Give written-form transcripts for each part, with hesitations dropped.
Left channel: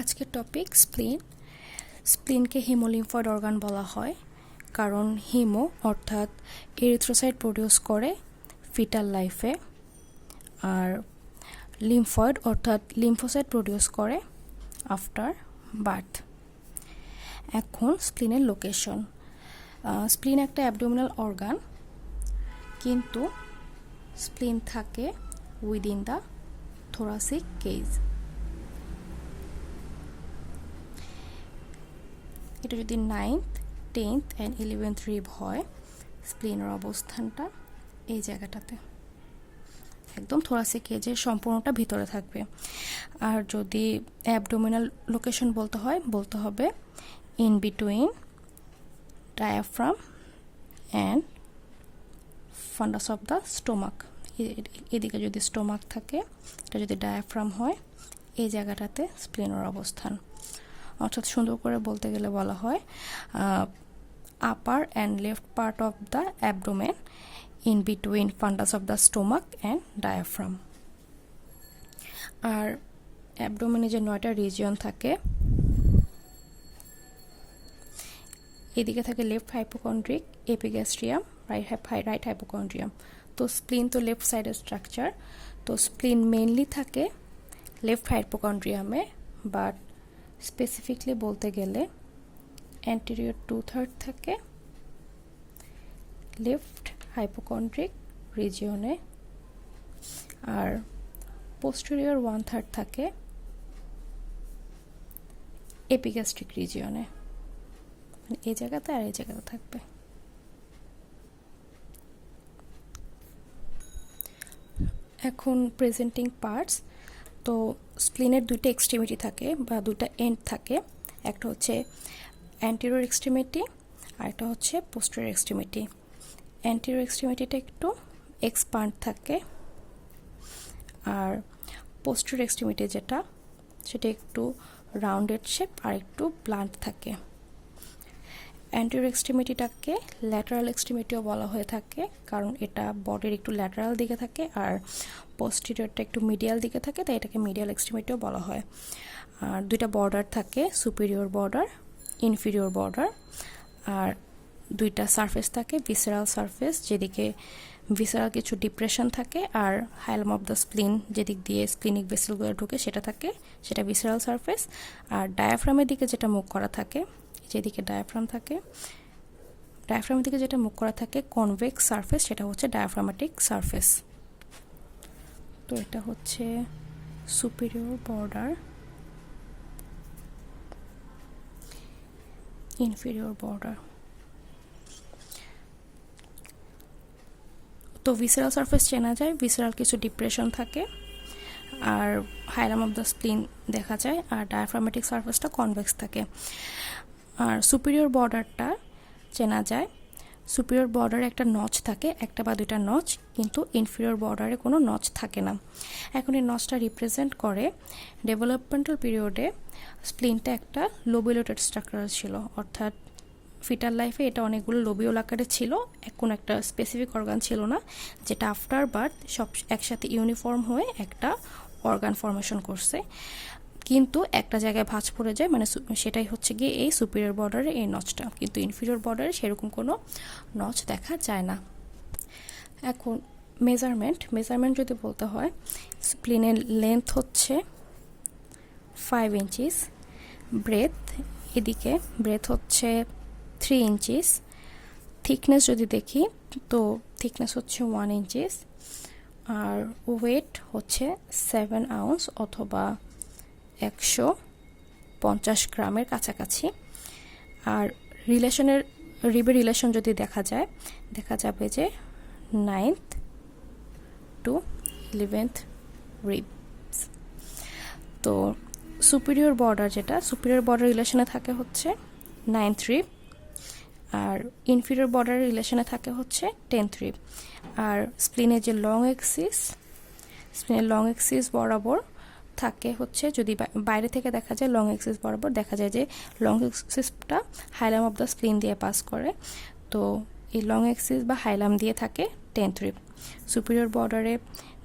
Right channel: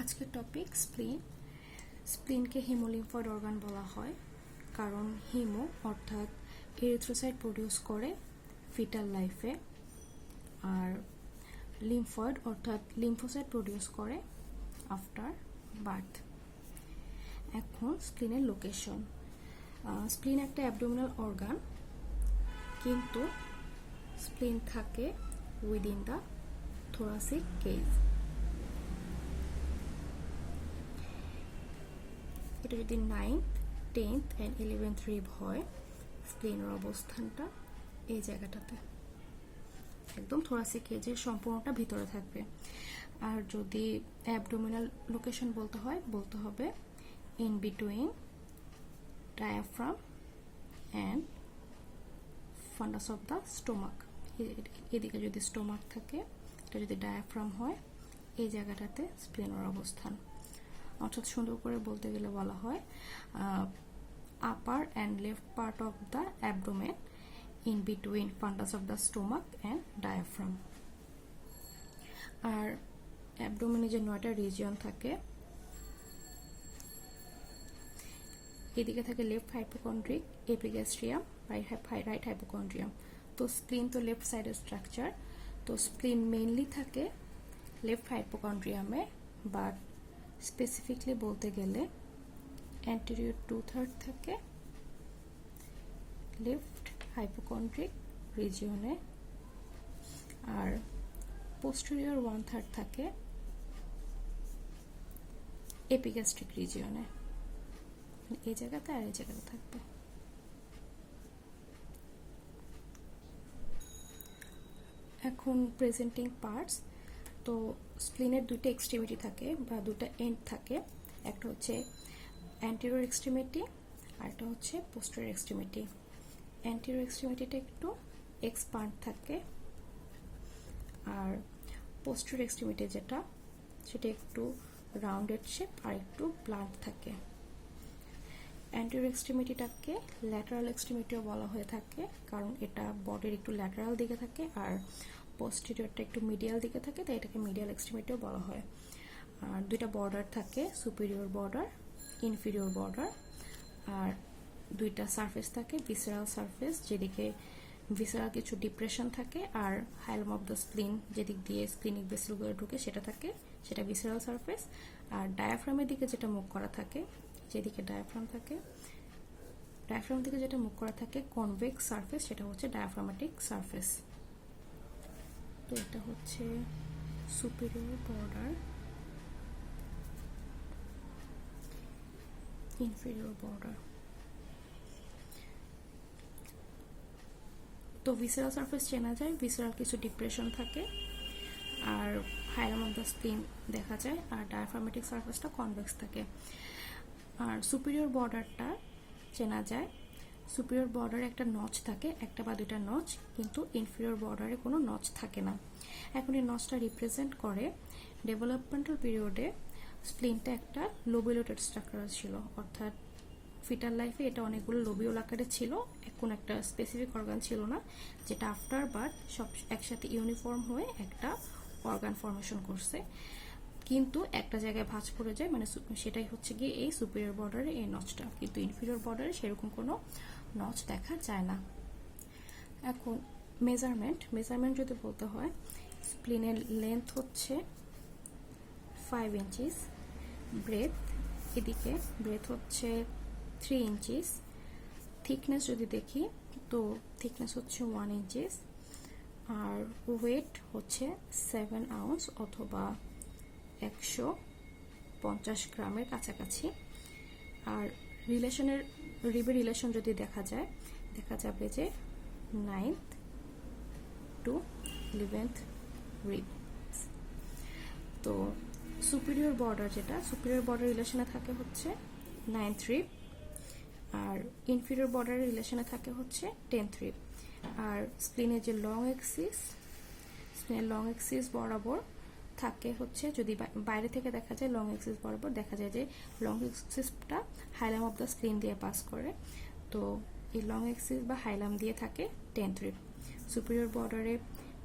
আজকের topic স্প্লিন। স্প্লিনকে হিমোলিম্ফয়েড organ বলা হয় কারণ হিমো অর্থাৎ এরিথ্রোসাইট প্রডিউস করে ফিটাল লাইফে, আর লিম্ফয়েড অর্থাৎ লিম্ফোসাইট প্রডিউস করে আফটার বার্থ। এখন স্প্লিনের লোকেশন। স্প্লিন একটা অ্যাবডোমিনাল অর্গান, কিন্তু স্প্লিন থাকে উইদিন দ্য থোরাসিক কেজ। এটা যদি 9th, 10th and 11th rib হয়, স্প্লিনের অবস্থানটা এই জায়গাটাতে, একদম থোরাসিক কেজের সম্পূর্ণটা ভিতরে থাকবে। আর যদি অ্যাবডোমিনাল লোকেশন বলতে হবে in between diaphragm and ফান্ডাস of the stomach. এদিকে যদি স্টোমাক থাকে, এটা যদি ডায়াফ্রাম হয়, এই জায়গাটাতে স্প্লিনের অবস্থান। অর্থাৎ সুন্দর করে বলতে গেলে বলা হয় upper and left part of the abdomen in between fundus of the stomach and diaphragm. আর অ্যাবডোমেনে যে 9টা রিজিয়ন থাকে, এদিকে থাকে left hypochondric, epigastrium, right hypochondrium. তো স্প্লিন তো লেফট সাইডের স্ট্রাকচার, তো স্প্লিন মেইনলি থাকে লেফট হাইপোকন্ড্রিয়ামে, বাট স্পেসিফিকলি বলতে গেলে অ্যান্টেরিয়র 2/3 থাকে লেফট হাইপোকন্ড্রিক রিজিয়নে, আর পোস্টেরিয়র 1/3 থাকে এপিগ্যাস্ট্রিক রিজিয়নে। এই জায়গাতে আর এই জায়গাতে থাকবে। এখন প্রেজেন্টিং পার্টস। তো স্প্লিনের দুইটা এক্সট্রিমিটি থাকে বা দুইটা এন্ড থাকে, একটা হচ্ছে অ্যান্টেরিয়র এক্সট্রিমিটি আর একটা হচ্ছে পোস্টেরিয়র এক্সট্রিমিটি। অ্যান্টেরিয়র এক্সট্রিমিটিটা একটু এক্সপান্ড থাকে, আর পোস্টেরিয়র এক্সট্রিমিটি সেটা একটু রাউন্ডেড শেপ আর একটু ব্লান্ট থাকে। অ্যান্টেরিয়র এক্সট্রিমিটিটাকে ল্যাটারাল এক্সট্রিমিটিও বলা হয়ে থাকে, কারণ এটা বডির একটু ল্যাটারাল দিকে থাকে, আর পোস্টেরিয়রটা একটু মিডিয়াল দিকে থাকে, তাই এটাকে মিডিয়াল এক্সট্রিমিটিও বলা হয়। আর দুইটা বর্ডার থাকে, সুপিরিয়র বর্ডার, ইনফিরিয়র বর্ডার, আর দুইটা সারফেস থাকে, ভিসেরাল সারফেস, যেদিকে ভিসেরাল কিছু ডিপ্রেশন থাকে, আর হাইলাম অফ দ্য স্প্লিন যেদিক দিয়ে স্প্লিনিক ভেসেলগুলো ঢুকে সেটা ভিসেরাল সারফেস। আর ডায়াফ্রামের দিকে যেটা মুখ করা থাকে, যেদিকে ডায়াফ্রাম থাকে, ডায়াফ্রামের দিকে যেটা মুখ করা থাকে কনভেক্স সারফেস, সেটা হচ্ছে ডায়াফ্রামেটিক সারফেস। তো এটা হচ্ছে সুপিরিয়র বর্ডার, ইনফিরিয়র বর্ডার। তো ভিসেরাল সারফেস চেনা যায়, ভিসেরাল কিছু ডিপ্রেশন থাকে, আর হাইলাম অফ দ্য স্প্লিন দেখা যায়, আর ডায়াফ্রামেটিক সারফেসটা কনভেক্স থাকে। আর সুপিরিয়র বর্ডারটা চেনা যায়, সুপিরিয়র বর্ডারে একটা নচ থাকে, একটা বা দুইটা নচ, কিন্তু ইনফিরিয়র বর্ডারে কোনো নচ থাকে না। এখন এই নচটা রিপ্রেজেন্ট করে ডেভেলপমেন্টাল পিরিয়ডে স্প্লিনটা একটা লোবিউলেটেড স্ট্রাকচার ছিল, অর্থাৎ ফিটাল লাইফে এটা অনেকগুলো লোবিউল আকারে ছিল, কোনো একটা স্পেসিফিক অর্গান ছিল না, যেটা আফটার বার্থ সব একসাথে ইউনিফর্ম হয়ে একটা অর্গান ফর্মেশন করছে, কিন্তু একটা জায়গায় ভাঁজ পড়ে যায়, মানে সেটাই হচ্ছে গিয়ে এই সুপিরিয়র বর্ডারে এই নচটা, কিন্তু ইনফিরিয়র বর্ডারে সেরকম কোনো নচ দেখা যায় না। এখন মেজারমেন্ট যদি বলতে হয়, স্প্লিনের লেন্থ হচ্ছে 5 ইঞ্চিস, ব্রেথ হচ্ছে 3 ইঞ্চিস, থিকনেস যদি দেখি তো থিকনেস হচ্ছে 1 ইঞ্চিস, আর ওয়েট হচ্ছে 7 আউন্স অথবা 150 গ্রামের কাছাকাছি। আর রিবের রিলেশন যদি দেখা যাবে যে 9th to 11th রিবস। তো সুপিরিয়র বর্ডার রিলেশনে থাকে হচ্ছে 9th রিব, আর ইনফিরিয়র বর্ডার রিলেশনে থাকে হচ্ছে 10th রিব। আর স্প্লিনের যে লং এক্সিস বরাবর থাকে হচ্ছে, যদি বাইরে থেকে দেখা যায় লং এক্সিস বরাবর দেখা যায় যে লং এক্সিসটা হাইলাম অফ দ্য স্প্লিন দিয়ে পাস করে, তো এই লং এক্সিস বা হাইলাম দিয়ে থাকে 10th রিব। সুপিরিয়র বর্ডারে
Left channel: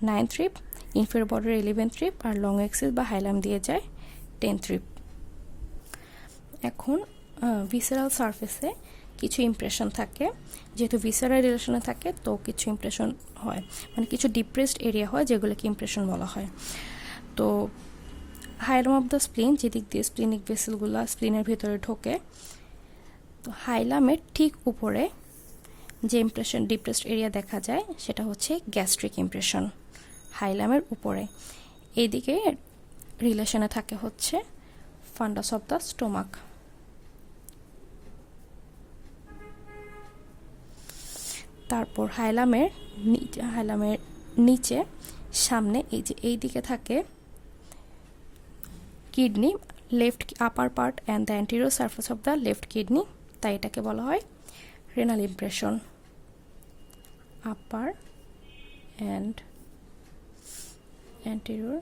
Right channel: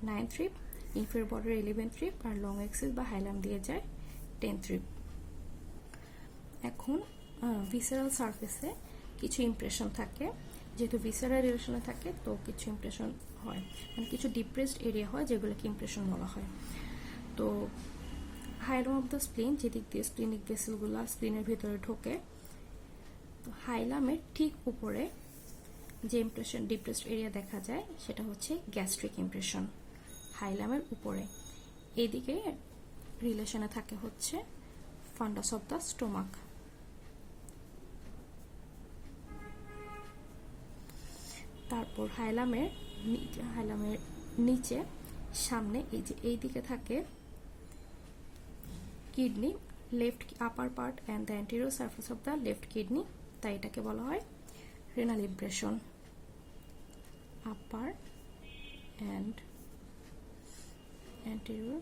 9th রিব, ইনফিরিয়র বর্ডারে 11th রিব, আর লং এক্সিস বা হাইলাম দিয়ে যায় 10th রিব। এখন ভিসেরাল সারফেসে কিছু ইমপ্রেশন থাকে, যেহেতু ভিসেরাল রিলেশনে থাকে তো কিছু ইমপ্রেশন হয়, মানে কিছু ডিপ্রেসড এরিয়া হয় যেগুলোকে ইমপ্রেশন বলা হয়। তো হাইলাম অফ দ্য স্প্লিন, যেদিক দিয়ে স্প্লিনিক ভেসেলগুলো স্প্লিনের ভিতরে ঢোকে, তো হাইলামের ঠিক উপরে যে ইমপ্রেশন ডিপ্রেসড এরিয়া দেখা যায় সেটা হচ্ছে গ্যাস্ট্রিক ইমপ্রেশন। হাইলামের উপরে এইদিকে রিলেশনে থাকে হচ্ছে ফান্ডাস অফ দ্য স্টোমাক। তারপর হাইলামের নিচে সামনে এই যে এই দিকে থাকে kidney, left upper part and the anterior surface of the left kidney, তাই এটাকে বলা হয় renal impression. Upper and anterior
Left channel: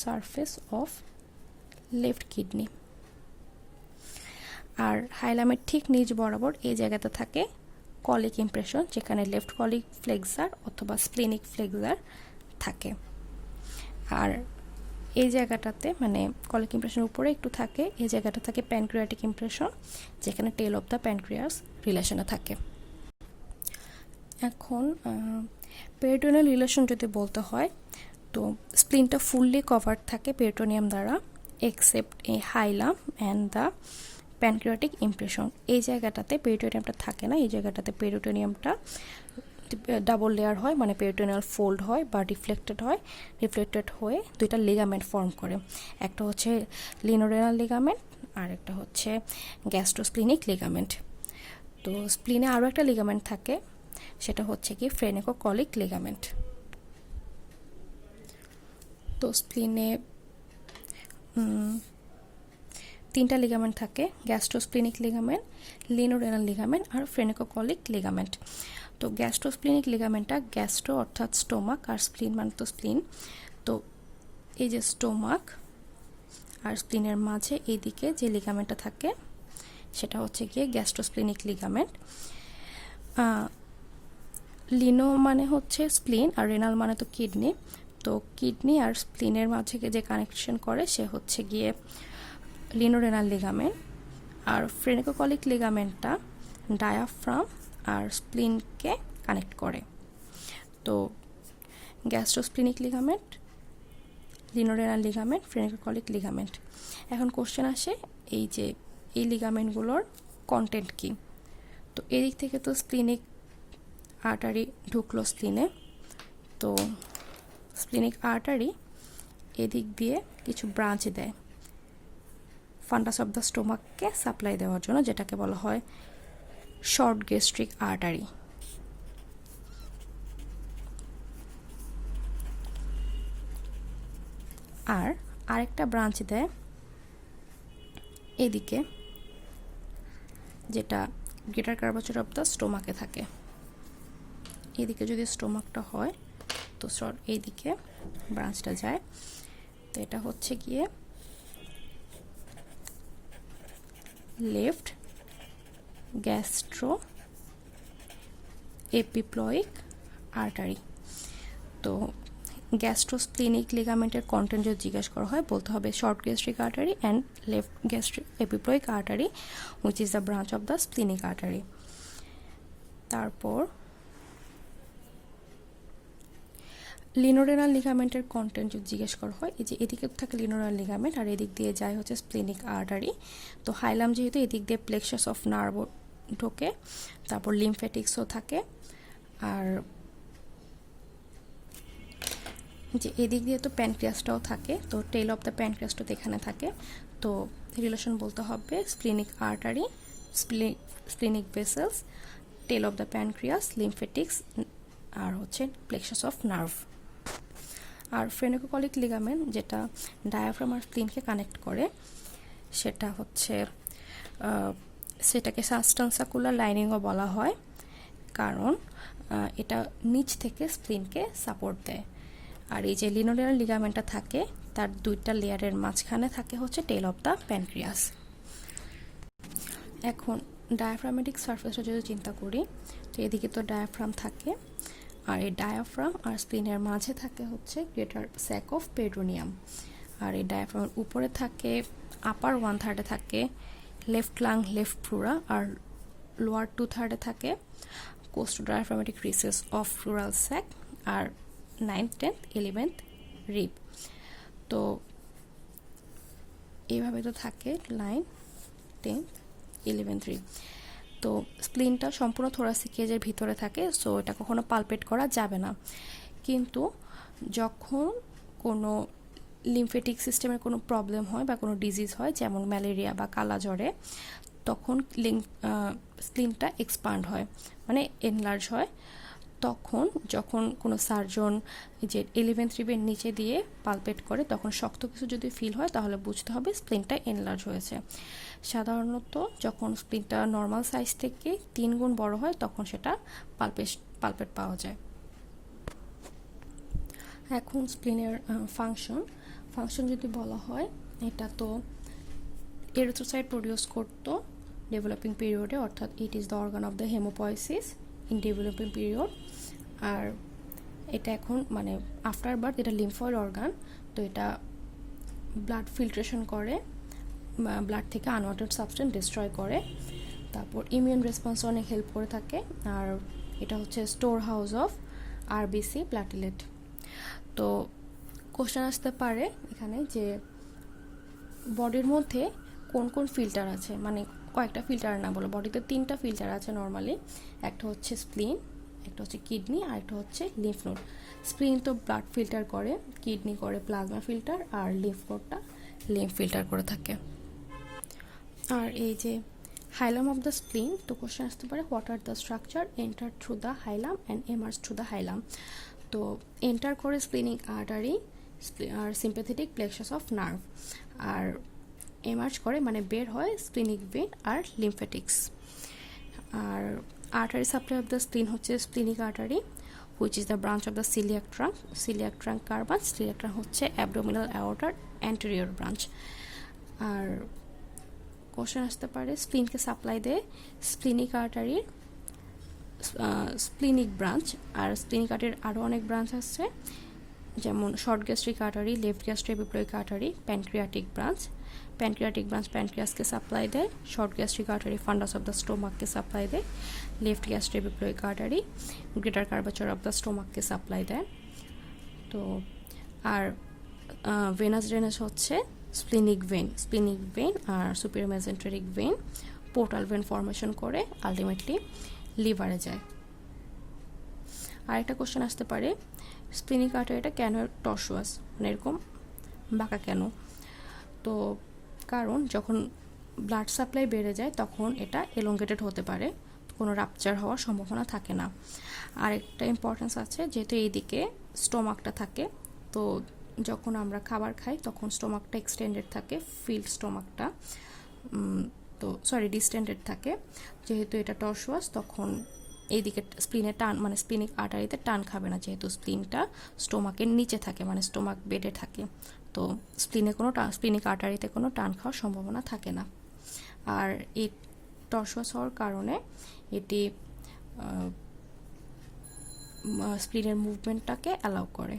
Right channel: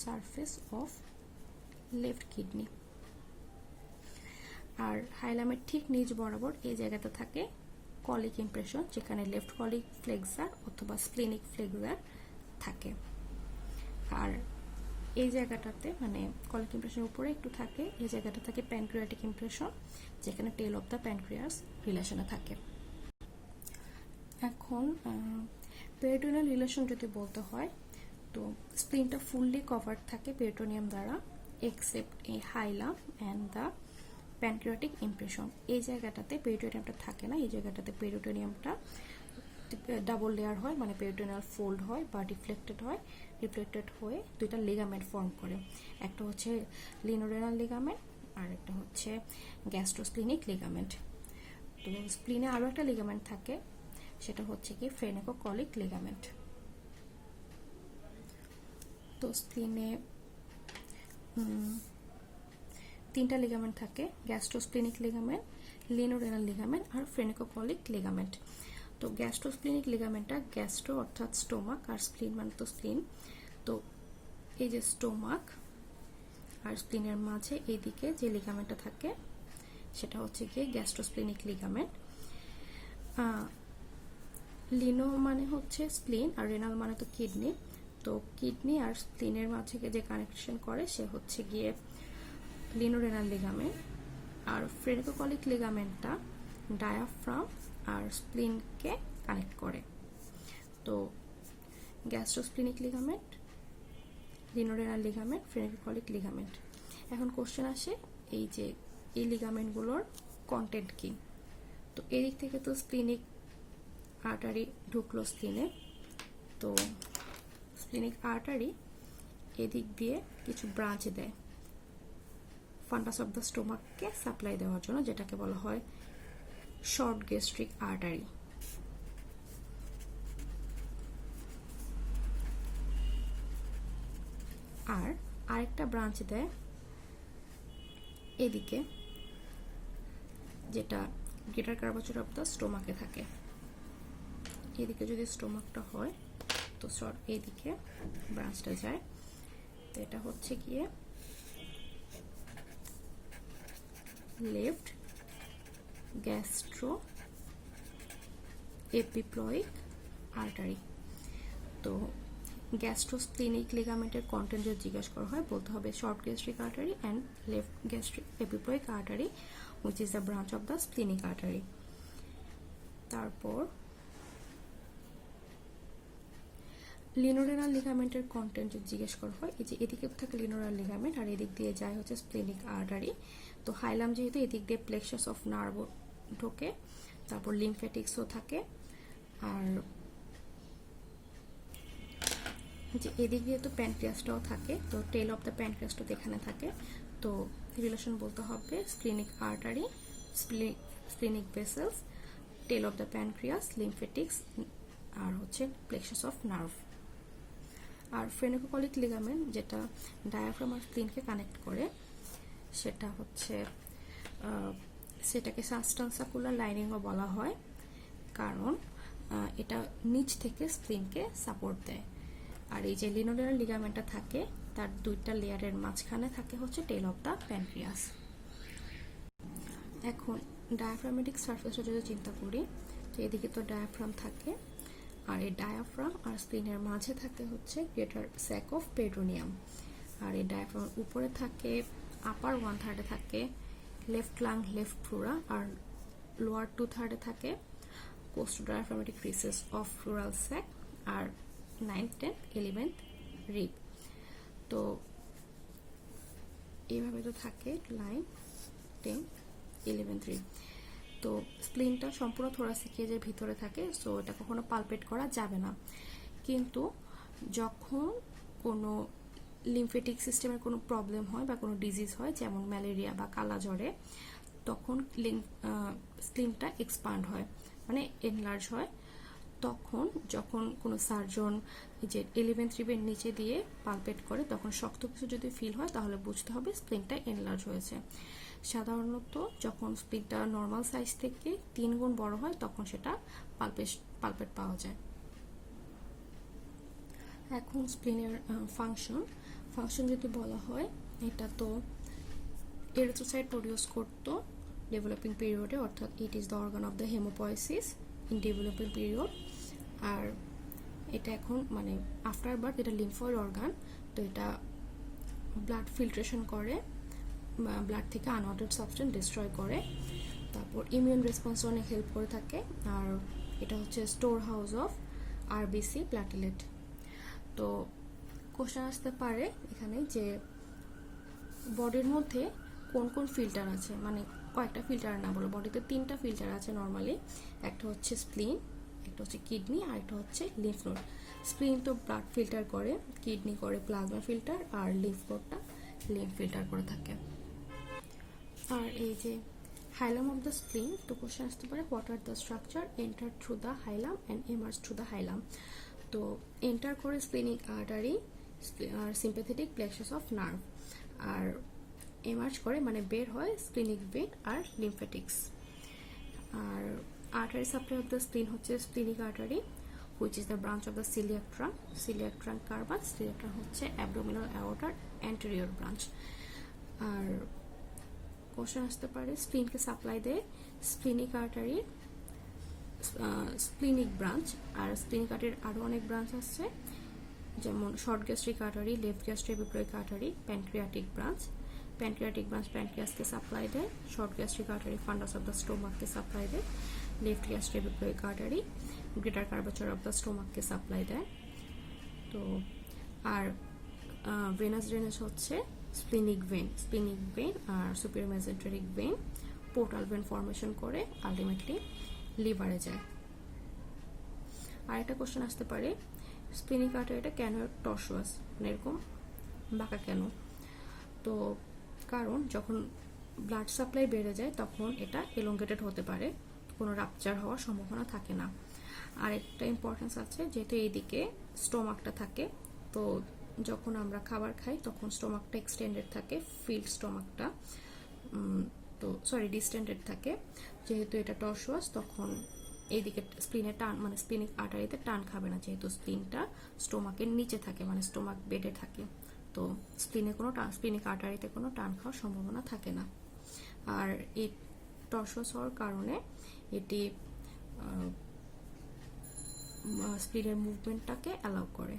surface of left kidney. আর হাইলামের ঠিক নিচ বরাবর এই জায়গাতে থাকে কলিক ইমপ্রেশন, যেখানে লেফট কলিক ফ্লেক্সার অথবা স্প্লিনিক ফ্লেক্সার থাকে। আর এই জায়গাটাতে মানে কলিক ইমপ্রেশনের উপরে একটু থাকে, এই জায়গাটা থাকে প্যানক্রিয়াটিক ইমপ্রেশন, যেখানে টেল অফ দ্য প্যানক্রিয়াস রিলেশনে থাকে। এখন পেরিটোনিয়াল রিলেশন যদি বলতে হয়, তো স্প্লিনটা ফুললি কভার্ড থাকে পেরিটোনিয়াম দ্বারা, except A haulm and the pancreatic impression. এই জায়গাটাতে পেরিটোনিয়ামটা থাকে না, এই জায়গাটাতে পেরিটোনিয়ামটা ডাবল লেয়ার হয়, মানে পেরিটোনিয়াল ফোল্ড হয় বা রিফ্লেক্টেড হয়ে দুইটা লিগামেন্ট ফর্ম করে। একটা হচ্ছে লিনোরেনাল লিগামেন্ট আর একটা হচ্ছে গ্যাস্ট্রোস্প্লিনিক লিগামেন্ট। তো স্প্লিনে আরও একটা লিগামেন্ট থাকে, সেটা হচ্ছে কি ফ্রেনেকোকলিক লিগামেন্ট। তো স্প্লিনে তিনটা লিগামেন্ট থাকে, গ্যাস্ট্রোস্প্লিনিক লিগামেন্ট, লিনোরেনাল লিগামেন্ট আর ফ্রেনেকোকলিক লিগামেন্ট। তো গ্যাস্ট্রোস্প্লিনিক লিগামেন্টটা গ্যাস্ট্রো অর্থাৎ স্টোমাক আর স্প্লিন মানে তো স্প্লিন। তো এই যে স্টোমাক আর স্প্লিনের মাঝে এইদিকে যে লিগামেন্টটা থাকে সেটা হচ্ছে গিয়ে গ্যাস্ট্রোস্প্লিনিক লিগামেন্ট। লিনো মানে হচ্ছে স্প্লিন আর রেনাল মানে তো কিডনি। তো কিডনি আর স্প্লিনের মাঝে যে কানেকশন করে সে হচ্ছে গিয়ে লিনোরেনাল লিগামেন্ট। আর ফ্রেনেকোকলিক লিগামেন্টটা ডায়াফ্রাম আর স্প্লিনকে কানেক্ট করে। তো গ্যাস্ট্রোস্প্লিনিক লিগামেন্ট, লিনোরেনাল লিগামেন্ট, ফ্রেনেকোকলিক লিগামেন্ট। এখন কোশ্চেন আসে এই যে এই লিগামেন্টগুলোর কন্টেন্ট কি। তো এদিক থেকে তো স্প্লিনিক আর্টারি ঢুকলো স্প্লিনে, তো স্প্লিনিক আর্টারি এদিক দিয়ে কিছু ব্রাঞ্চ দেয় ফান্ডাস অফ দ্য স্টোমাককে সাপ্লাই দেওয়ার জন্য, যেটাকে বলা হয় শর্ট গ্যাস্ট্রিক আর্টারি। আর আরেকটা ব্রাঞ্চ দেয় এদিকে, যেটা গ্রেটার কার্ভাচর অফ দ্য স্টোমাকে থাকে। এদিকে যদি স্টোমাকটা হয় তো এইদিকে ব্রাঞ্চটা যায়। তো এটা হচ্ছে গিয়ে লেফট গ্যাস্ট্রো এপিপ্লয়িক আর্টারি। তো গ্যাস্ট্রোস্প্লিনিক লিগামেন্টের কন্টেন্ট যদি জিজ্ঞেস করা হয় বলতে হবে short gastric artery and left gastric epiploic artery which is the branch of the splenic artery. তারপর লিনোরেনাল লিগামেন্টের কন্টেন্ট যদি জিজ্ঞেস করা হয়, এই যে এদিকে থাকে লিনোরেনাল লিগামেন্ট আর এদিক দিয়ে যায় হচ্ছে স্প্লিনিক আর্টারি। তো হাইলাম যেহেতু এদিক দিয়ে প্লেক্সাস অফ নার্ভ ঢোকে, তারপর লিমফ্যাটিক্সও থাকে, আর যে এদিক দিয়ে তো প্যানক্রিয়াসটাও থাকে, তো টেল অফ দ্য প্যানক্রিয়াসটা এখানে থাকে। তো রিলেশন বলতে হবে splenic artery, splenic vessels, tail of the pancreas, lymphatics আর হচ্ছে প্লেক্সাস অফ নার্ভ। আর ফ্রেনেকোকলিক লিগামেন্ট যেটা ডায়াফ্রাম আর স্প্লিনকে কানেক্ট করে, সেটা হচ্ছে সেটাকে সাবস্টান্সাকুলার লাইনিংও বলা হয়, কারণ এটা নিচ থেকে স্প্লিনকে সাপোর্ট দেয়। আর এই যে লিনোরেনাল লিগামেন্টটা থাকে তার দুইটা লেয়ারের মাঝখানে থাকে হচ্ছে টেল অফ দ্য প্যানক্রিয়াস। এখন ডায়াফ্রামেটিক সারফেসটা যদি চিন্তা করি, তো এদিকে তো ডায়াফ্রাম থাকে, আর এই ডায়াফ্রাম আর স্প্লিনের মাঝে থাকে হচ্ছে গ্রেটার স্যাক অফ পেরিটোনিয়াম। আর এই ডায়াফ্রামের উপরে থাকে আপার 1/3 থাকে লেফট লাং লেফট প্লুরা, আর লোয়ার 2/3 থাকে costodiaphragmatic recess of pleural sac, আর 9th 10th 11th রিব। তো এইভাবে তো থাকে 9th 10th 11th রিব। তো স্প্লিনটা সম্পূর্ণ থোরাসিক কেজের ভিতরে থাকে, সো এটা কখনো পালপেট করা যাবে না। কিন্তু যখন কোনো লিম্ফেটিক সিস্টেমের কোনো প্রবলেম হয় বা কোনো ডিজিজ হয়, যেমন ম্যালেরিয়া বা কালা জ্বরে, তখন স্প্লিনটা এক্সপান্ড হয়, মানে এনলার্জ হয়। তখন যখন কোনো সার্জন যে 11th রিবের নিচে দিয়ে পালপেট করে, তখন শক্ত কিছু যদি ফিল হয় তাহলে বুঝতে হবে স্প্লিনটা এনলার্জ হয়েছে। সাধারণত যখন স্প্লিনটা নর্মাল সাইজ থেকে 3 গুণ বড় হয়, তখন সেটা পালপেট পাওয়া যায়। এখন স্প্লিনের ফাংশন যদি বলা হয়, এটা তো এরিথ্রোসাইট প্রডিউস করতো ডেভেলপিং পিরিয়ডে, অর্থাৎ it is the organ of the hemopoiesis in developing period. আর এটা এখন মানে আফটার বার্থ এটা লিম্ফয়েড অর্গান, তো এটা ব্লাড ফিল্ট্রেশন করে, ব্লাড থেকে আনওয়ান্টেড সাবস্টেন্স ডিস্ট্রয় করে, তারপর ইমিউন রেসপন্স অনেক হেল্প করে থাকে। আর এটা হচ্ছে store house of RBC platelet. তো কোশ্চেন আসতে পারে এখানে যে বডির মধ্যে কোন কোন ফিল্টার আছে, মানে কয়েকটা ফিল্টার না বলো, বডিতে 3টা ফিল্টার আছে নর্মালি। একটা হচ্ছে স্প্লিন, একটা হচ্ছে কিডনি, আর একটা হচ্ছে লিম্ফ নোড। স্প্লিন তো ব্লাড ফিল্টার করে, কিডনি করে প্লাজমা ফিল্টার, আর লিম্ফ নোডটা লিম্ফ ফিল্টার করে থাকে। আর এই যে হাইলাম অফ দ্য স্প্লিন, তো কোশ্চেন আসতে পারে what are the structure enter through the hilum and emerge through the hilum. তো এন্টার করে স্প্লিনিক আর্টারি আর সিম্প্যাথেটিক প্লেক্সাস অফ নার্ভ, আর এমার্জ করে মানে বের হয় স্প্লিনিক ভেন আর লিম্ফেটিক্স। আর artery supply of the spleen হচ্ছে splenic artery, which is the branch of the celiac trunk কার্বাস। সিলিয়াক ট্রাঙ্ক হচ্ছে অ্যাবডোমিনাল অ্যাওর্টার অ্যান্টেরিয়র ব্রাঞ্চ। আর কোশ্চেন আসতে পারে স্প্লিনকে সাপ্লাই দেয় স্প্লিনিক আর্টারির স্প্লিনিক ব্রাঞ্চ, আর স্প্লিনিক আর্টারির আরও অনেক ব্রাঞ্চ আছে, যেমন short gastric artery, left gastroepiploic artery, pancreatic branch প্যানক্রিয়াসকে সাপ্লাই দেয়, short gastric artery fundus of the স্টোমাককে সাপ্লাই দেয়, left gastroepiploic artery greater curvature of the স্টোমাককে সাপ্লাই দেয়। তো আর ভেনাস ড্রেনেজ হচ্ছে স্প্লিনিক ভেন আর superior mesenteric vein portal vein formation করে আলটিমেটলি লিভারে যায়। আর একটা কোশ্চেন আসতে পারে স্প্লিনিক আর্টারিটা কেন টর্সুয়াস, মানে এরকম বাঁকা কেন? তো কারণ যখন ব্লাড সাপ্লাই বেড়ে যায় তখন এটা এলঙ্গেটেড হতে পারে, কোনো রাপচার হওয়ার সম্ভাবনা থাকে না। আর একটা ইম্পর্টেন্স আছে, যেহেতু এইদিকে স্টোমাকটা থাকে, তো যখন আমরা খাবার খাই তখন স্টোমাকটা এক্সটেন্ডেড থাকে, ফিল্ড স্টোমাকটা তো ডিস্টেন্ডেড থাকে। যেহেতু এটা টর্সুয়াস, তখন এইদিকে স্প্লিনের টান, মানে স্প্লিনিক আর্টারিতে টান খাবে না, যেহেতু স্প্লিনটা স্টোমাকের নিচে থাকে, মানে স্টোমাক বেডে থাকে, তো স্প্লিনিক আর্টারিতে কোনো টান খাওয়ার সম্ভাবনা থাকে না। আর এই টর্সুয়াস হওয়ার কারণে এটি স্প্লিনের মুভমেন্টটাকে অ্যালাউ করে।